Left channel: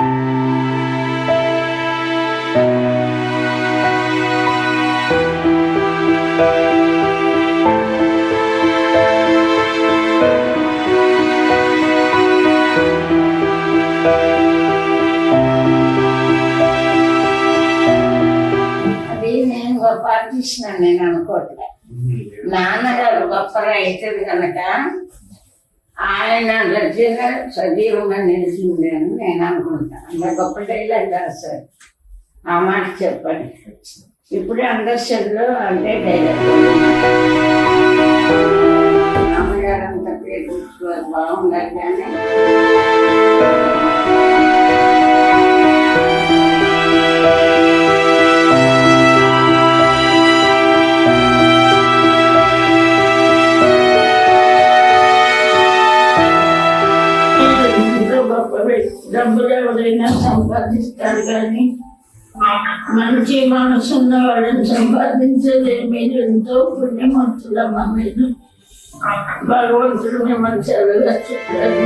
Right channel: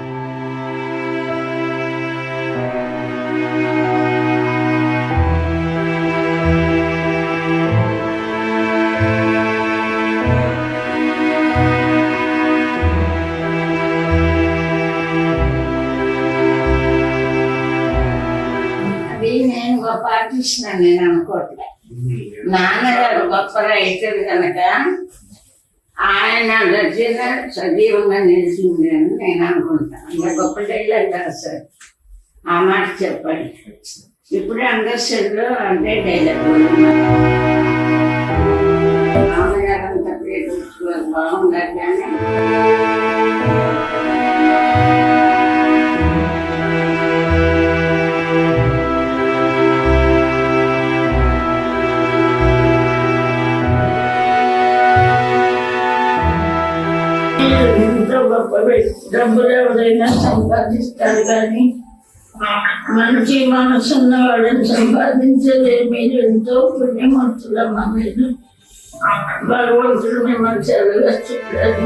అది నేను గొప్ప ఆర్టిస్ట్ నేను అనుకోవట్లే. నాన్నగారు గొప్ప రైటర్ కనుక ఆయన రచన సజీవంగా నిలిచింది అని నేను అనుకుంటాను. అంత గొప్ప డైలాగ్ రాశారు. ఆ మాట చెప్పండి. ఇప్పుడు అండర్స్టాండ్లో అంటే డైలాగ్ నాన్నగారు అంత పేరు బాగుండాలి కానీ డబ్బులు ఎవరైనా సంపాదిస్తారు కానీ మంచి మనసున్న వాడిని సంపాదించలేదు. మీరు ఎంతో పుణ్యమంతులమ్మా. మీరు భగవంతుడు మిమ్మల్ని చదువుగా చెప్పారు.